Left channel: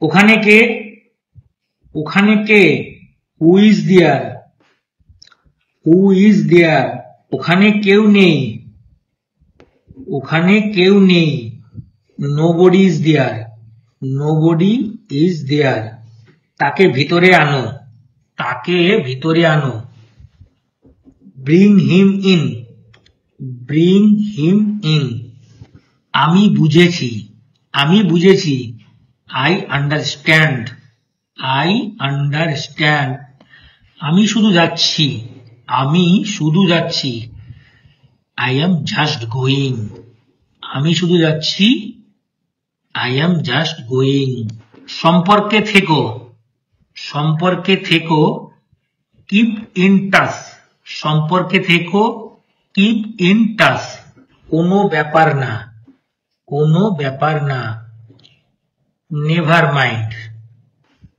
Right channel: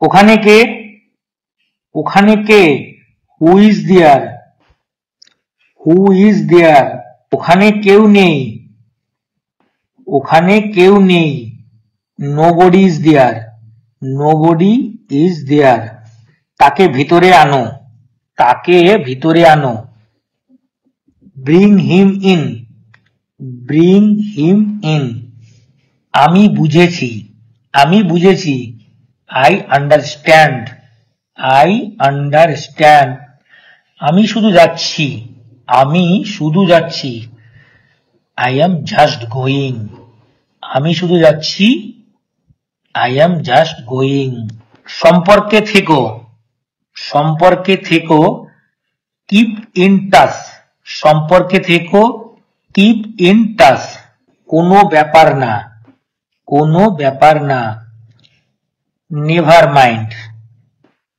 ওখানে কে? ওখানে কে? Who is there? Who is there? ওখানে কেউ নেই। ওখানে কেউ নেই। Nobody is there. Nobody is there. তাকে ভিতরে আনো। তাকে ভিতরে আনো। Bring him in. Bring him in. আমি বুঝেছি। আমি বুঝেছি। I understand. I understand. আমি শুধু যাচ্ছি। আমি শুধু যাচ্ছি। I am just going. আমি শুধু যাচ্ছি। I am just going. সম্পর্কে থেকো। সম্পর্কে থেকো। Keep in touch. সম্পর্কে থেকো। Keep in touch. কোনো ব্যাপার না। কোনো ব্যাপার না। Never mind.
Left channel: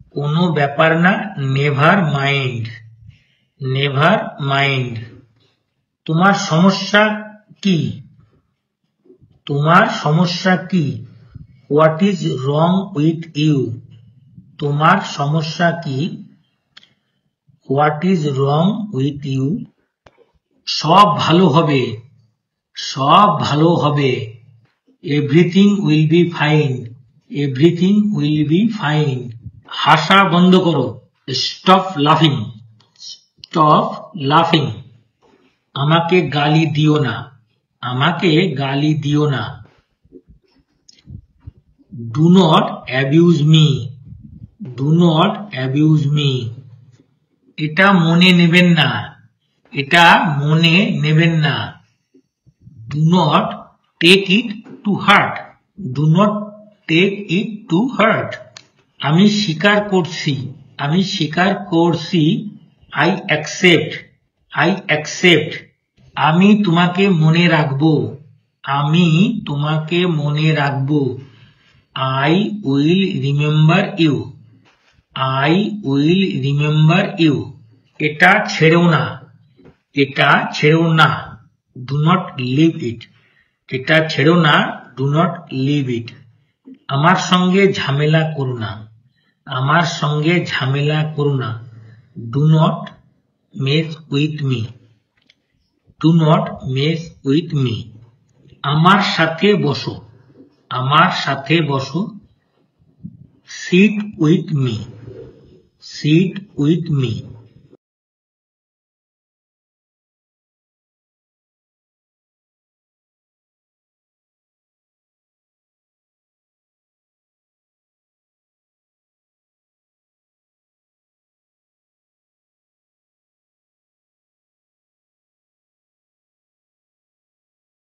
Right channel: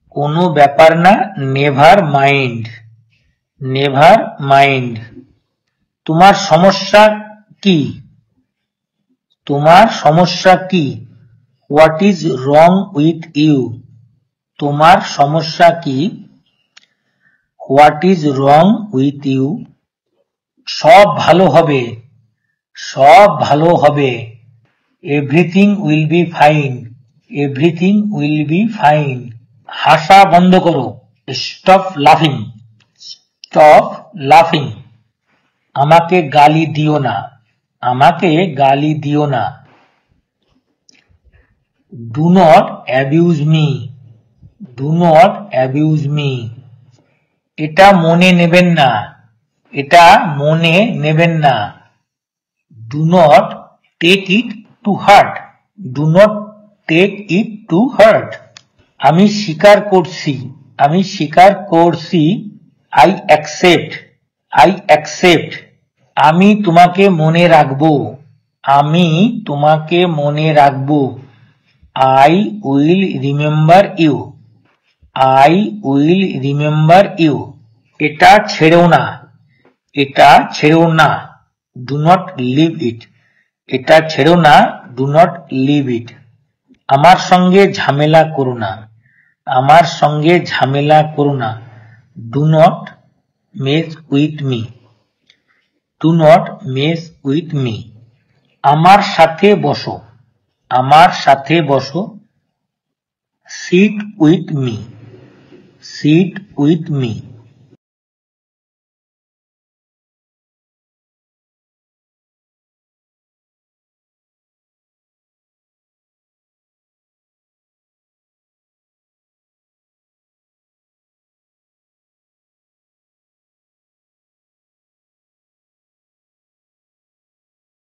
কোনো ব্যাপার না। Never mind. Never mind. তোমার সমস্যা কি? তোমার সমস্যা কি? What is wrong with you? তোমার সমস্যা কি? What is wrong with you? সব ভালো হবে। সব ভালো হবে। Everything will be fine. Everything will be fine. হাসা বন্ধ করো। স্টপ লাফিং। স্টপ লাফিং। আমাকে গালি দিও না। আমাকে গালি দিও না। Do not abuse me. Do not abuse me. এটা মনে নেবেন না। এটা মনে নেবেন না। Do not take it to heart. Do not take it to heart. আমি স্বীকার করছি। আমি স্বীকার করছি। I accept. I accept. আমি তোমাকে মনে রাখবো। আমি তোমাকে মনে রাখবো। I will remember you. I will remember you. এটা ছেড়ো না। এটা ছেড়ো না। Do not leave it. এটা ছেড়ো না। Do not leave it. আমার সঙ্গে ঝামেলা করো না। আমার সঙ্গে ঝামেলা করো না। Do not mess with me. Do not mess with me. আমার সাথে বসো। আমার সাথে বসো। Sit with me. Sit with me.